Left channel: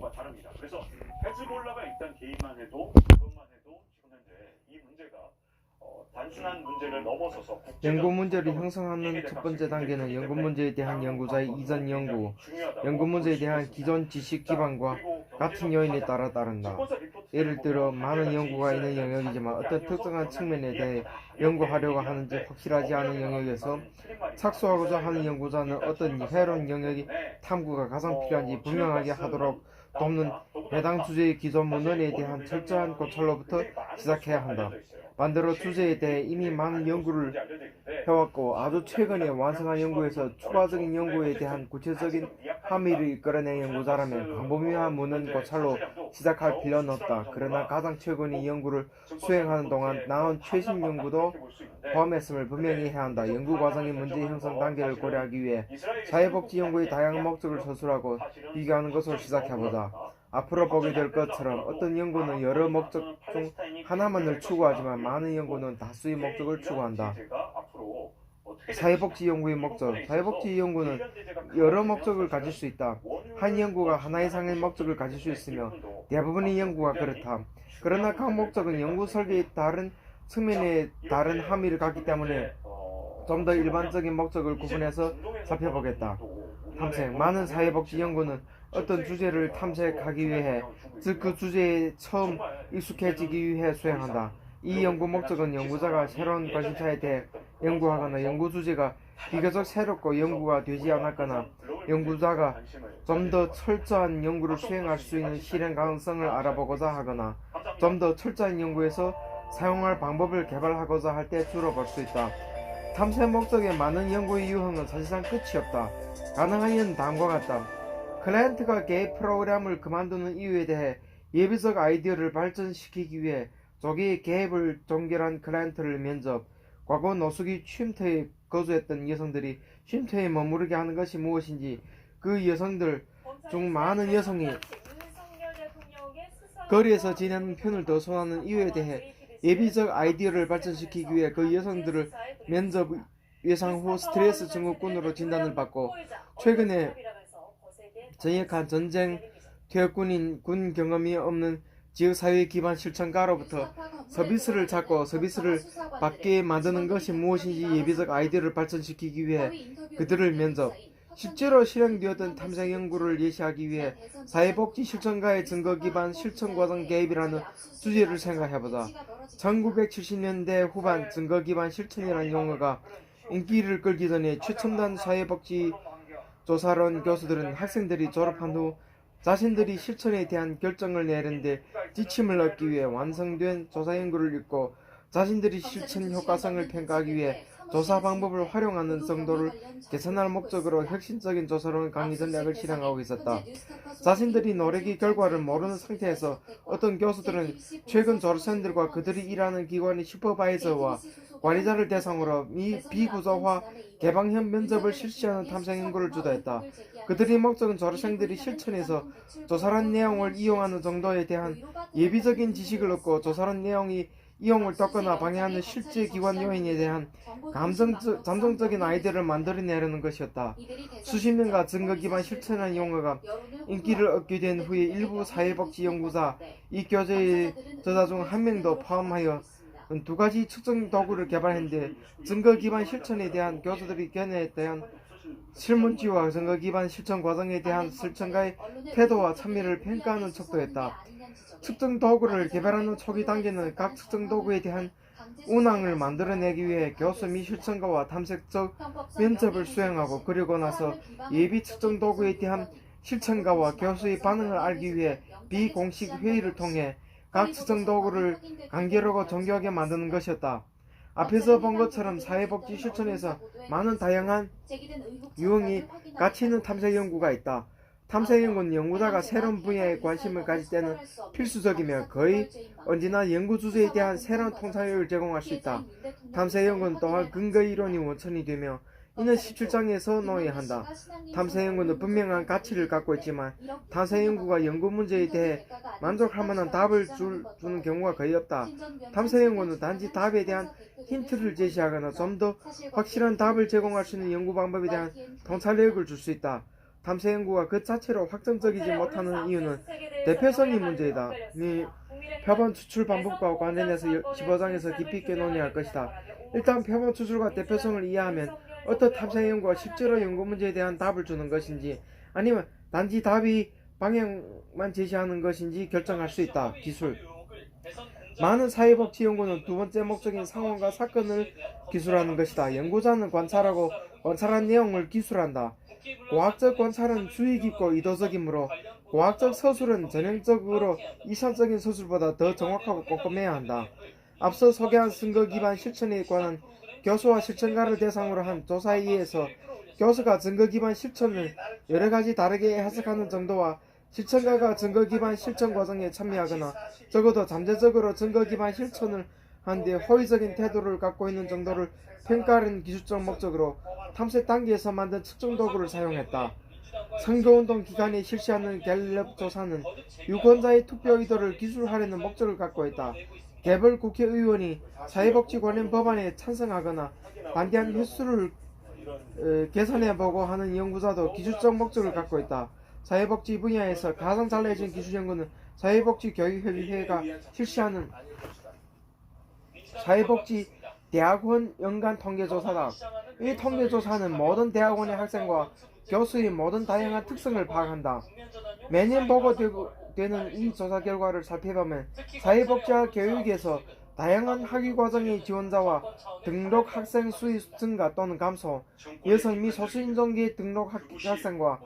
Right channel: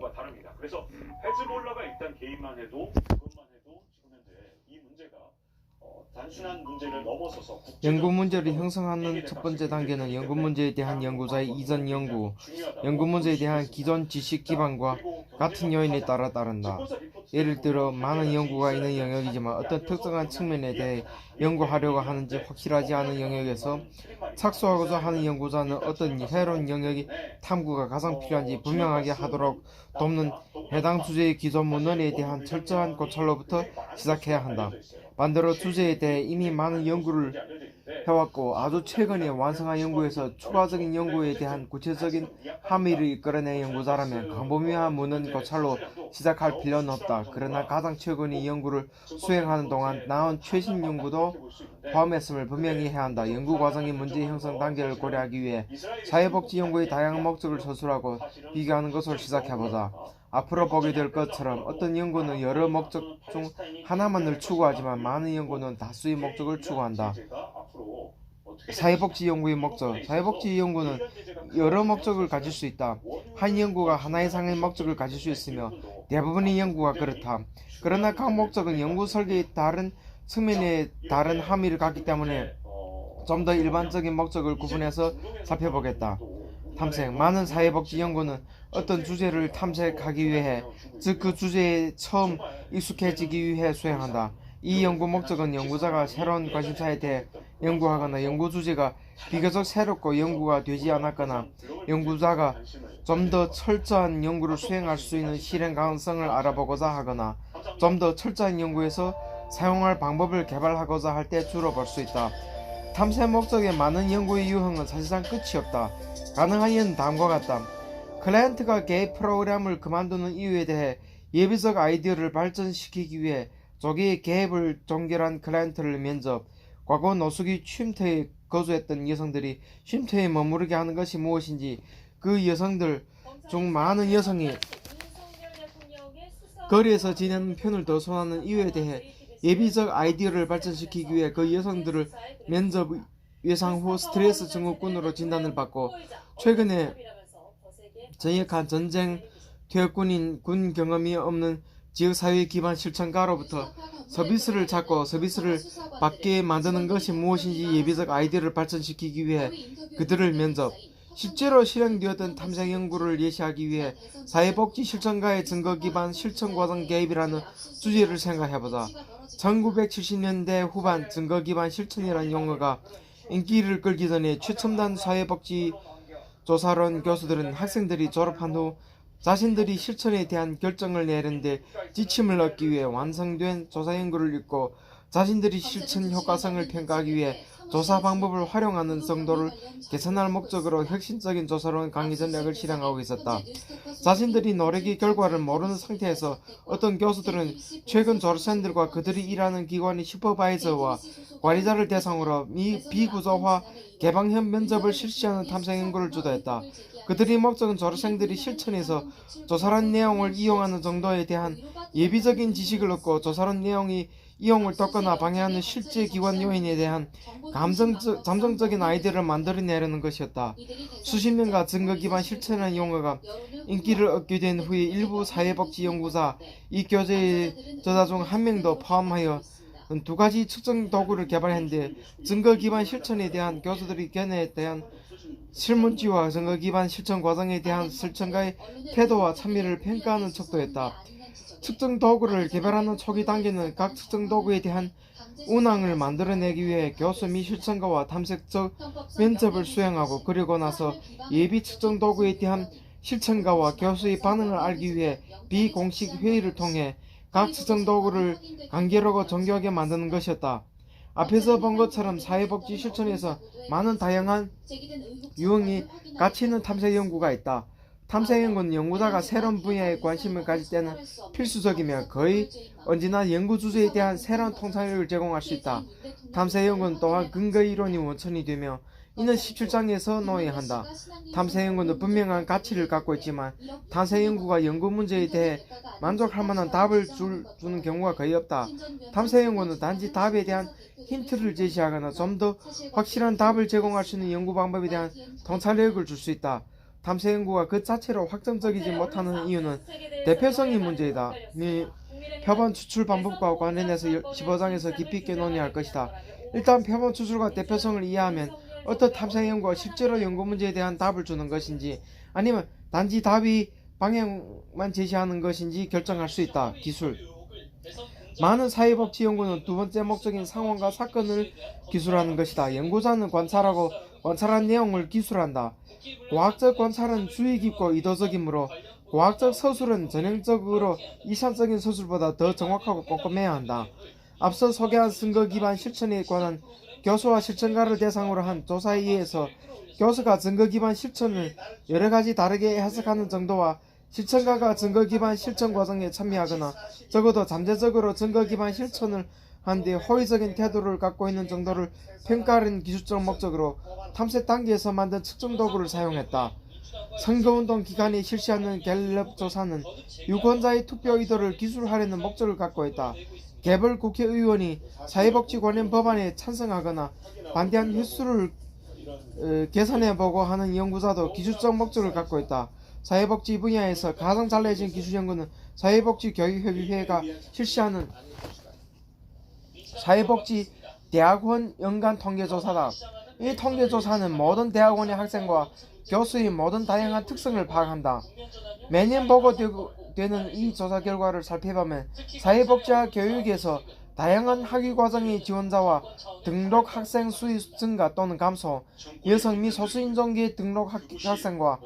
경우가 다릅니다. 그래서 헤즈볼라가 일단 개입만 해도 그것만 해도 지금 현재 이 문제가 단순한 문제를 넘어서서 연구 문제를 형성하는 첫 번째 단계는 연구 문제에 대한 연구자의 이전 연구, 연구 문제에 대한 기존 지식 기반과 같은 요인에 따라 따른다. 예를 들어 많은 연구가 있는 영역이지만 어떤 특정한 측면에 대해 연구하려고 하는지 확실하지 않은 영역에서 착수하고자 하는 연구자는 어떤 새로운 영역이 탐구가 가장 필요한지 분명하게 하도록 돕는 해당 주제의 기존 문헌에 대한 철저한 고찰로부터 시작해야 한다. 반대로 주제에 대해 이미 많은 연구를 해왔고 아주 최근에 완성한 연구에서 추가적인 연구에 대한 구체적인 함의를 이끌어낸 연구자라면 광범위한 문헌 고찰로 시작할 필요는 없다. 그러나 가장 최근의 연구를 수행하는 동안 나온 최신 연구도 포함했음을 분명히 해야 한다. 연구 과정의 문제 형성 단계를 고려하기 위해 사회복지 연구의 다양한 목적을 서술하고 비교하는 것으로 시작해보자. 앞으로 보게 될 것처럼 어떤 연구는 여러 목적 중 하나만을 추구하지만 많은 연구는 다수의 목적을 추구한다. 사회복지 연구의 목적. 사회복지 연구는 여러 목적을 가질 수 있다. 한 연구가 하나 이상의 목적을 가질 수 있으며 대부분의 연구가 그렇다. 그러나 각 목적은 연구 설계의 다른 측면에 다른 함의를 갖기 때문에 좀 더 일반적인 목적을 구분해서 살펴보겠다. 탐색. 많은 사회복지 연구는 어떤 주제를 탐색하기 위해, 즉 그 주제에 처음 익숙해지기 위해 수행한다. 이 연구 목적은 연구자가 새로운 관심사에 대해 연구하거나 연구 주제가 비교적 새롭고 연구가 되지 않았거나 연구자가 좀 더 철저한 연구를 수행할 수 있는 실행 가능성을 알아보고자 하거나 좀 더 철저한 연구에서 사용할 방법을 개발하고자 할 때 주로 볼 수 있다. 탐색 목적의 많은 연구의 유형은 사실상 끝이 없다. 가능한 이유는 다음과 같다. 클라이언트가 개입 프로그램을 그만두는 이유에 대해 예비적 아이디어를 발전시키기 위해 조기에 개입을 종결한 클라이언트를 면접, 과거 노숙이 쉼터에 거주했던 여성들이 쉼터에 머무르게 하는 것이 무엇인지, 그 여성들 중 많은 여성이 거리에서 지내는 편을 더 선호하는 이유에 대해 예비적 아이디어를 발전시키기 위해 그 여성들을 면접 예상 후 스트레스 증후군으로 진단을 받고 최근에 전역한 전쟁 퇴역군인 군 경험이 없는 지역사회 기반 실천가로부터 서비스를 찾고 서비스를 받게 만드는 것이 무엇인지 예비적 아이디어를 발전시키기 위해 그들을 면접, 실제로 실행되었던 탐색 연구를 예시하기 위해 사회복지 실천가의 증거 기반 실천과정 개입이라는 주제를 생각해보자. 1970년대 후반 증거 기반 실천이라는 용어가 인기를 끌기 전에 최첨단 사회복지 조사론 교수들은 학생들이 졸업한 후 자신들이 실천에 대한 결정을 내는데 지침을 얻기 위해 완성된 조사 연구를 읽고 자신들이 실천 효과성을 평가하기 위해 조사 방법을 활용하는 정도를 개선할 목적으로 혁신적인 조사론 강의 전략을 실행하고 있었다. 자신들이 노력의 결과를 모르는 상태에서 어떤 교수들은 최근 졸업생들과 그들이 일하는 기관의 슈퍼바이저와 관리자를 대상으로 비구조화 개방형 면접을 실시하는 탐색 연구를 주도했다. 그들의 목적은 졸업생들이 실천에서 조사란 내용을 이용하는 정도에 대한 예비적인 지식을 얻고 조사란 내용이 이용을 돕거나 방해하는 실제 기관 요인에 대한 잠정적인 아이디어를 만들어내려는 것이었다. 수십 년간 증거 기반 실천이라는 용어가 인기를 얻게 된 후에 일부 사회복지 연구자, 이 교재의 저자 중 한 명도 포함하여 두 가지 측정 도구를 개발했는데 증거 기반 실천에 대한 교수들의 견해에 대한 실문지와 증거 기반 실천 과정에 대한 실천가의 태도와 참여를 평가하는 척도했다. 측정 도구를 개발하는 초기 단계는 각 측정 도구에 대한 운항을 만들어내기 위해 교수 및 실천가와 탐색적 면접을 수행하고 그리고 나서 예비 측정 도구에 대한 실천가와 교수의 반응을 알기 위해 비공식 회의를 통해 각 측정 도구를 간결하고 정교하게 만드는 것이었다. 앞에서 본 것처럼 사회복지 실천에서 많은 다양한 유형이 가치 있는 탐색 연구가 있다. 탐색 연구는 연구자가 새로운 분야에 관심을 가질 때는 필수적이며 거의 언제나 연구 주제에 대한 새로운 통찰력을 제공할 수 있다. 탐색 연구는 또한 근거 이론이 원천이 되며 이는 17장에서 놓아야 한다. 탐색 연구는 분명한 가치를 갖고 있지만 탐색 연구가 연구 문제에 대해 만족할 만한 답을 주는 경우가 거의 없다. 탐색 연구는 단지 답에 대한 힌트를 제시하거나 좀 더 확실한 답을 제공할 수 있는 연구 방법에 대한 통찰력을 줄 수 있다. 탐사 연구가 그 자체로 확정적이지 못하는 이유는 대표성이 문제이다. 표본 추출 방법과 관련해서 15장에서 깊이 있게 논의할 것이다. 일단 표본 추출과 대표성을 이해하면 어떤 탐사 연구가 실제로 연구 문제에 대한 답을 주는 것인지 아니면 단지 답이 방향만 제시하는 것인지 결정할 수 있다. 기술. 많은 사회복지 연구는 두 번째 목적인 상황과 사건을 기술하는 것이다. 연구자는 관찰하고 관찰한 내용을 기술한다. 과학적 관찰은 주의 깊고 의도적이므로 과학적 서술은 전형적으로 이상적인 서술보다 더 정확하고 꼼꼼해야 한다. 앞서 소개한 증거 기반 실천에 관한 교수와 실천가를 대상으로 한 조사에 의해서 교수가 증거 기반 실천을 여러 가지 다르게 해석하는 정도와 실천가가 증거 기반 실천 과정에 참여하거나 적어도 잠재적으로 증거 기반 실천을 한 뒤 호의적인 태도를 갖고 있는 정도를 평가하는 기술적 목적으로 탐색 단계에서 만든 측정 도구를 사용했다. 선거운동 기간에 실시하는 갤럽 조사는 유권자의 투표 의도를 기술하려는 목적을 갖고 있다. 개별 국회의원이 사회복지 관련 법안에 찬성하거나 반대한 횟수를 계산해보고 하는 연구자도 기술적 목적을 갖고 있다. 사회복지 분야에서 가장 잘해진 기술 연구는 사회복지교육협의회가 실시하는 사회복지 대학원 연간 통계조사다. 이 통계조사는 모든 대학원의 학생과 교수의 모든 다양한 특성을 파악한다. 매년 보고되는 이 조사 결과를 살펴보면 사회복지학 교육에서 다양한 학위과정의 지원자와 등록 학생 수의 증가 또는 감소, 여성 및 소수인종계 등록 학생과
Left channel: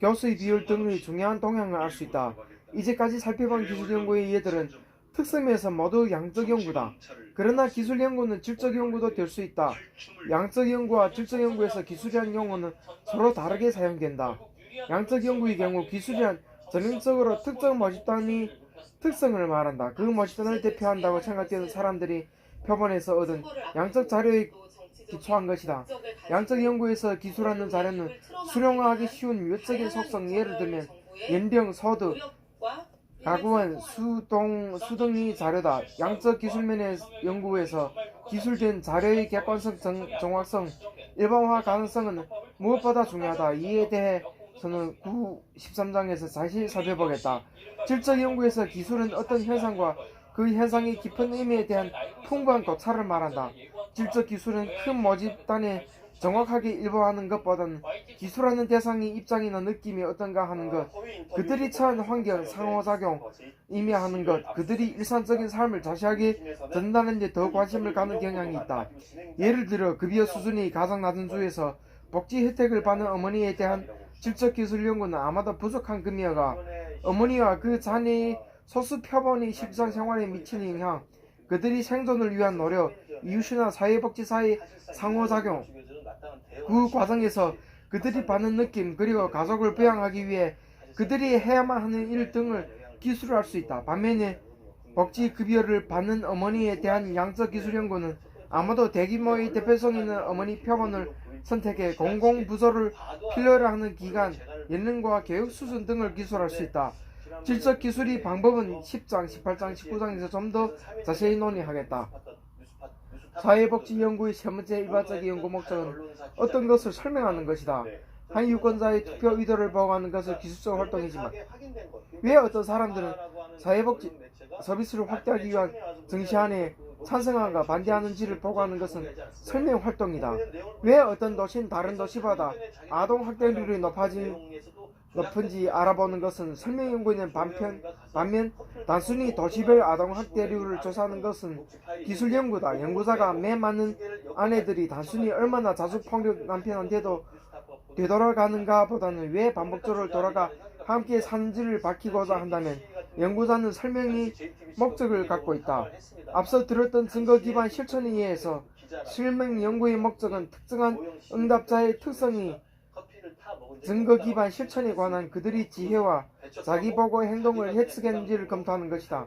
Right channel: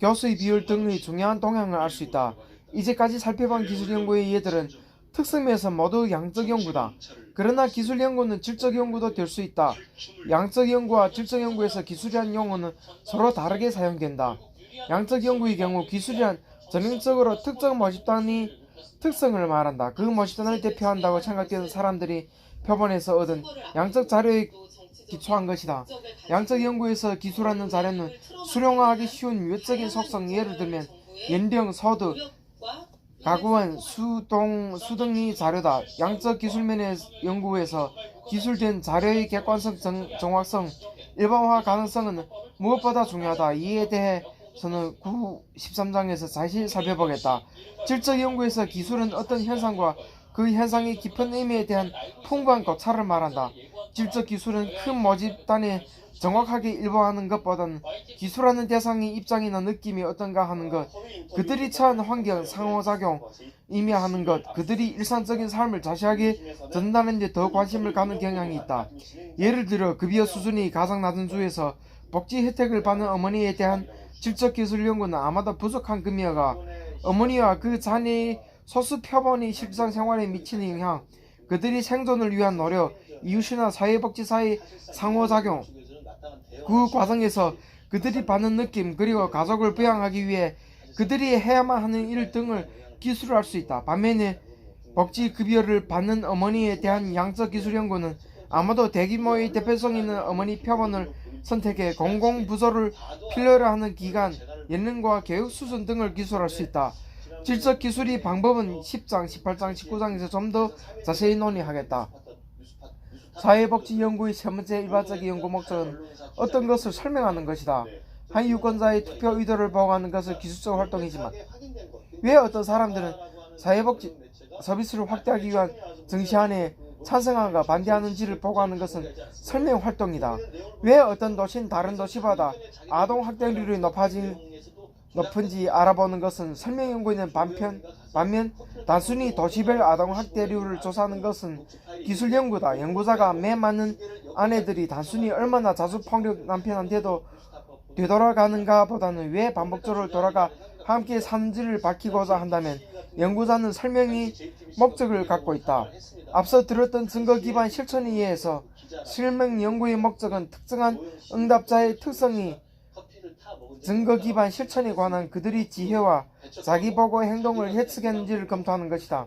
교수의 비율 등의 중요한 동향을 알 수 있다. 이제까지 살펴본 기술 연구의 예들은 특성에서 모두 양적 연구다. 그러나 기술 연구는 질적 연구도 될 수 있다. 양적 연구와 질적 연구에서 기술이란 용어는 서로 다르게 사용된다. 양적 연구의 경우 기술이란 전형적으로 특정 모집단의 특성을 말한다. 그 모집단을 대표한다고 생각되는 사람들이 표본에서 얻은 양적 자료에 기초한 것이다. 양적 연구에서 기술하는 자료는 수령하기 쉬운 외적인 속성, 예를 들면 연령, 소득, 가구원, 수 등의 자료다. 양적 기술면의 연구에서 기술된 자료의 객관성, 정확성, 일반화 가능성은 무엇보다 중요하다. 이에 대해서는 13장에서 자세히 살펴보겠다. 질적 연구에서 기술은 어떤 현상과 그 현상의 깊은 의미에 대한 풍부한 고찰을 말한다. 질적 기술은 큰 모집단에 정확하게 일반화하는 것보다는 기술하는 대상의 입장이나 느낌이 어떤가 하는 것, 그들이 처한 환경, 상호작용, 의미하는 것, 그들이 일상적인 삶을 자세하게 전달하는 데 더 관심을 갖는 경향이 있다. 예를 들어 급여 수준이 가장 낮은 주에서 복지 혜택을 받는 어머니에 대한 질적 기술 연구는 아마도 부족한 금이어가 어머니와 그 자녀의 소수 표본이 실생활에 미치는 영향, 그들이 생존을 위한 노력, 이웃이나 사회복지사의 상호작용, 그 과정에서 그들이 받는 느낌, 그리고 가족을 부양하기 위해 그들이 해야만 하는 일 등을 기술할 수 있다. 반면에 복지급여를 받는 어머니에 대한 양적 기술 연구는 아마도 대규모의 대표성 있는 어머니 표본을 선택해 공공부서를 필요로 하는 기간, 연령과 교육 수준 등을 기술할 수 있다. 질적 기술의 방법은 10장, 18장, 19장에서 좀 더 자세히 논의하겠다. 사회복지 연구의 세 번째 일반적인 연구 목적은 어떤 것을 설명하는 것이다. 한 유권자의 투표 의도를 보고하는 것은 기술적 활동이지만 왜 어떤 사람들은 사회복지 서비스를 확대하기 위한 정시안에 찬성하거나 반대하는지를 보고하는 것은 설명 활동이다. 왜 어떤 도시는 다른 도시보다 아동 학대율이 높은지 알아보는 것은 설명 연구에는 반면 단순히 도시별 아동 학대율을 조사하는 것은 기술 연구다. 연구자가 매 많은 아내들이 단순히 얼마나 자주 폭력 남편한테도 되돌아가는가 보다는 왜 반복적으로 돌아가 함께 사는지를 밝히고자 한다면 연구자는 설명의 목적을 갖고 있다. 앞서 들었던 증거 기반 실천에 의해서 설명 연구의 목적은 특정한 응답자의 특성이 증거 기반 실천에 관한 그들의 지혜와 자기보고 행동을 해석했는지를 검토하는 것이다.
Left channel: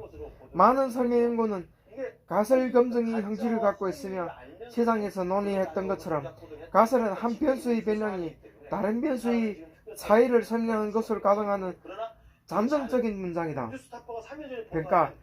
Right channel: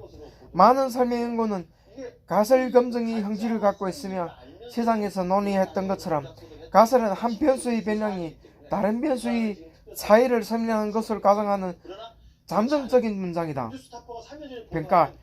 많은 설명 연구는 가설 검증의 형질을 갖고 있으며 세상에서 논의했던 것처럼 가설은 한 변수의 변량이 다른 변수의 차이를 설명하는 것을 가정하는 잠정적인 문장이다. 평가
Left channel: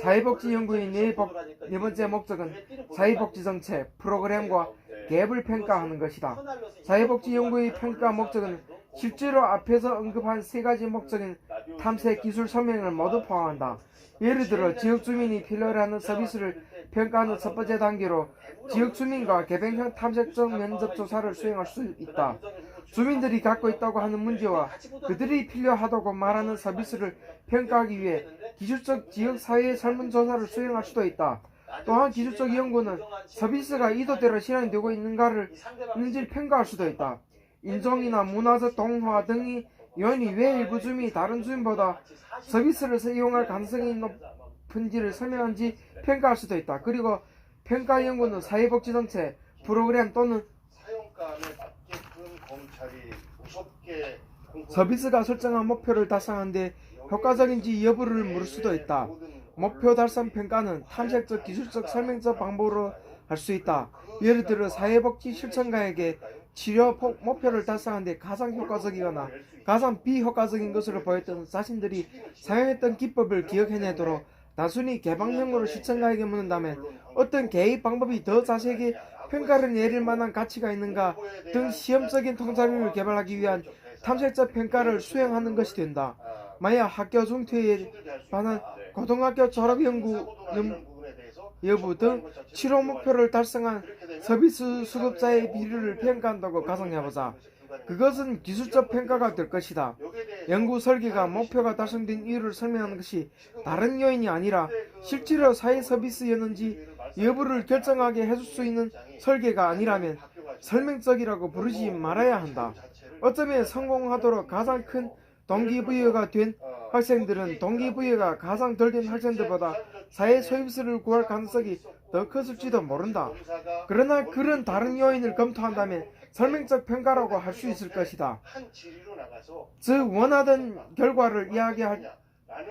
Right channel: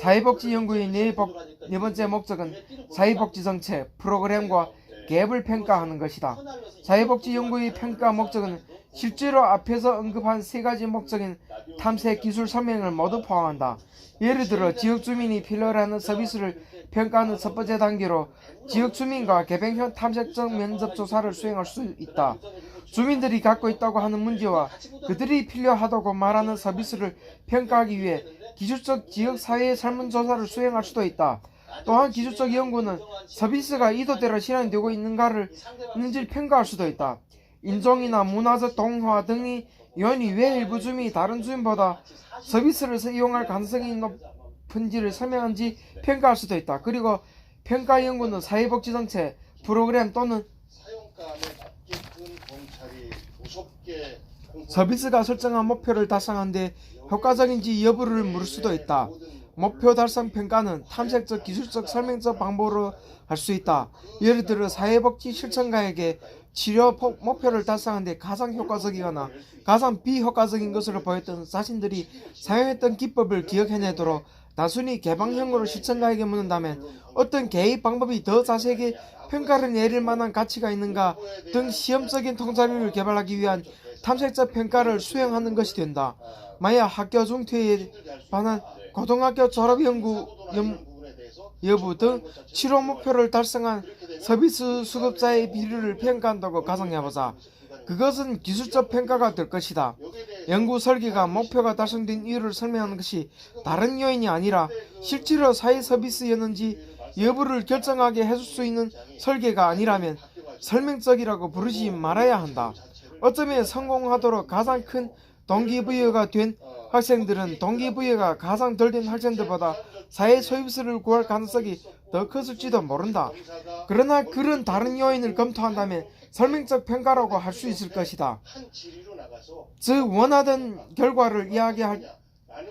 사회복지 연구의 네 번째 목적은 사회복지 정책, 프로그램과 갭을 평가하는 것이다. 사회복지 연구의 평가 목적은 실제로 앞에서 언급한 세 가지 목적인 탐색 기술 설명을 모두 포함한다. 예를 들어 지역 주민이 필요로 하는 서비스를 평가하는 첫 번째 단계로 지역 주민과 개별형 탐색적 면접 조사를 수행할 수 있다. 주민들이 갖고 있다고 하는 문제와 그들이 필요하다고 말하는 서비스를 평가하기 위해 기술적 지역 사회의 설문조사를 수행할 수도 있다. 또한 기술적 연구는 서비스가 의도대로 실현되고 있는지를 평가할 수도 있다. 인종이나 문화적 동화 등의 요인이 왜 일부 주민이 다른 주민보다 서비스를 이용할 가능성이 높은지를 설명한지 평가할 수도 있다. 그리고 평가 연구는 사회복지정책, 프로그램 또는 서비스가 설정한 목표를 달성하는데 효과적인지 여부를 물을 수도 있다. 목표 달성 평가는 탐색적, 기술적, 설명적 방법으로 할 수 있다. 예를 들어 사회복지 실천가에게 치료 목표를 달성하는 데 가장 효과적이거나 가장 비효과적인 것으로 보였던 자신들이 사용했던 기법을 기억해내도록 단순히 개방형으로 실천가에게 묻는다면 어떤 개입 방법이 더 자세하게 평가를 내릴 만한 가치가 있는가 등 시험적인 통찰력을 개발하기 위한 탐색적 평가를 수행하는 것이 된다. 만약 학교 중퇴에 관한 고등학교 졸업 여부 등 치료 목표를 달성한 서비스 수급자의 비율을 평가한다고 가정해보자. 그것은 기술적 평가가 될 것이다. 연구 설계가 목표가 달성된 이유를 설명하는 것이 다른 요인이 아니라 실제로 사회 서비스였는지 여부를 결정하게 해줄 수 있는 설계가 아니라면 설명적이라고 부르지 말아야 한다. 어쩌면 성공하도록 가장 큰 동기부여가 된 학생들은 동기부여가 가장 덜 된 학생들보다 사회 서비스를 구할 가능성이 더 컸을지도 모른다. 그러나 그런 다른 요인을 검토한다면 설명적 평가라고 할 수 있을 것이다. 즉 원하던 결과를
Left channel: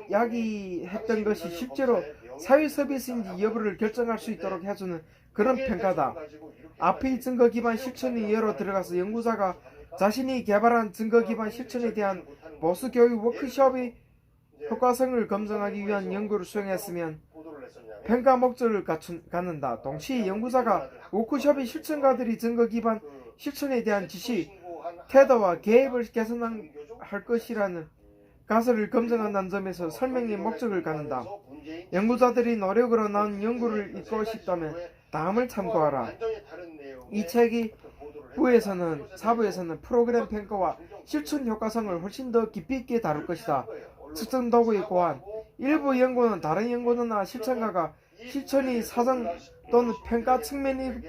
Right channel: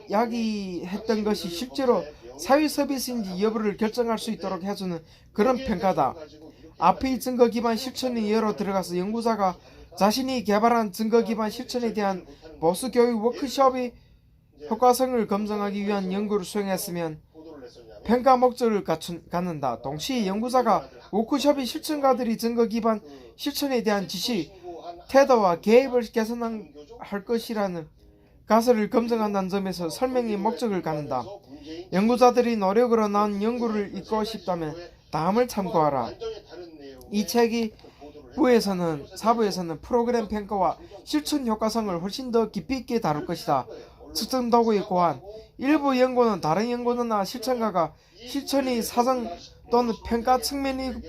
이야기했던 것이 실제로 사회 서비스인지 여부를 결정할 수 있도록 해주는 그런 평가다. 앞의 증거 기반 실천의 예로 들어가서 연구자가 자신이 개발한 증거 기반 실천에 대한 보수 교육 워크숍의 효과성을 검증하기 위한 연구를 수행했으면 평가 목적을 갖는다. 동시에 연구자가 워크숍의 실천가들이 증거 기반 실천에 대한 지식, 태도와 계획을 개선할 것이라는 가설을 검증한다는 점에서 설명의 목적을 갖는다. 연구자들이 노력으로 나온 연구를 읽고 싶다면 다음을 참고하라. 이 책이 사부에서는 프로그램 평가와 실천 효과성을 훨씬 더 깊이 있게 다룰 것이다. 측정 도구의 고안. 일부 연구는 다른 연구나 실천가가 실천의 사정 또는 평가 측면의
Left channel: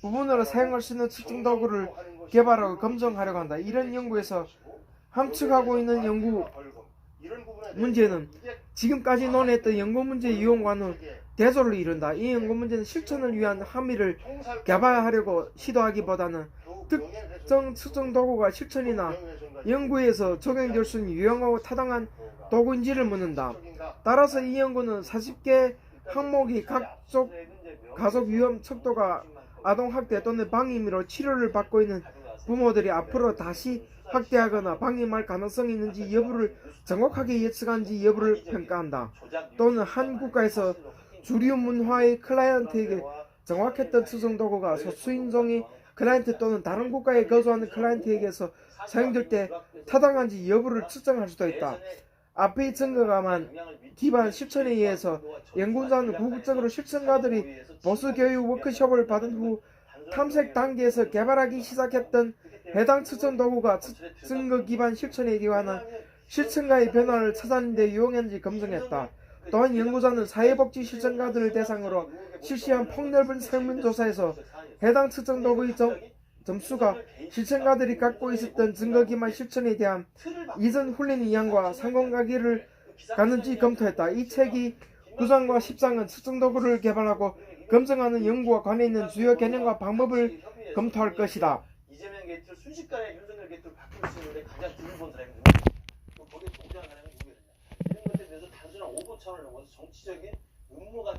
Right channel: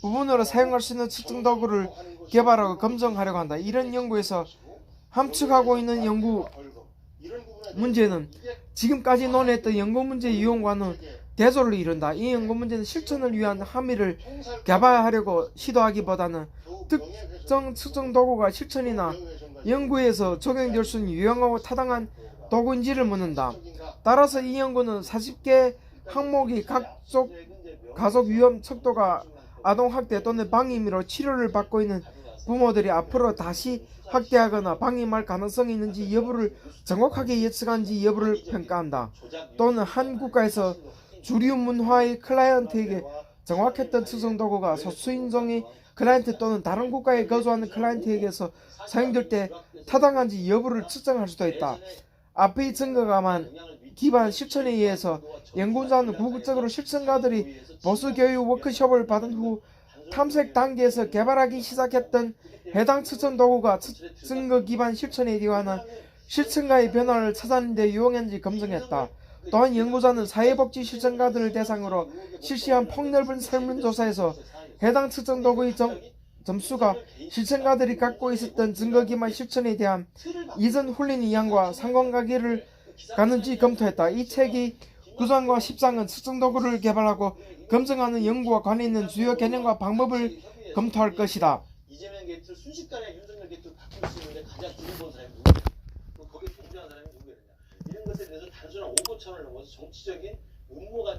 부분으로 사용할 수 있는 측정 도구를 개발하고 검증하려고 한다. 이런 연구에서 함축하고 있는 연구 문제는 지금까지 논의했던 연구 문제 이용과는 대조를 이룬다. 이 연구 문제는 실천을 위한 함의를 개발하려고 시도하기보다는 특정 측정 도구가 실천이나 연구에서 적용될 수 있는 유용하고 타당한 도구인지를 묻는다. 따라서 이 연구는 40개 항목이 가족 위험 척도가 아동학대 또는 방임으로 치료를 받고 있는 부모들이 앞으로 다시 학대하거나 방임할 가능성이 있는지 여부를 정확하게 예측하는지 여부를 평가한다. 또는 한 국가에서 주류 문화의 클라이언트에게 정확했던 측정 도구가 소수인종의 클라이언트 또는 다른 국가에 거주하는 클라이언트에게서 사용될 때 타당한지 여부를 측정할 수도 있다. 앞의 증거가만 기반 실천에 의해서 연구자는 궁극적으로 실천가들이 보수교육 워크숍을 받은 후 탐색 단계에서 개발하기 시작했던 해당 측정 도구가 증거 기반 실천에 기반한 실천가의 변화를 찾아내는 데 유용한지 검증했다. 또한 연구자는 사회복지 실천가들을 대상으로 실시한 폭넓은 설문조사에서 해당 측정 도구의 점수가 실천가들이 갖고 있었던 증거 기반 실천에 대한 이전 훈련 이양과 상관관계를 갖는지 검토했다. 이 책이 9장과 10장은 측정 도구를 개발하고 검증하는 연구와 관련 있는 주요 개념과 방법을 검토할 것이다. 이재명 게이트를 순식간에 윤석열 게이트를 바꿀 수 있는데 가장 돈을 번 사람이 누구냐? 거기에 동조한 사람이 누구냐? 이런 것에 대해서 단순한 오보 차원을 넘어서 정치적인 음모가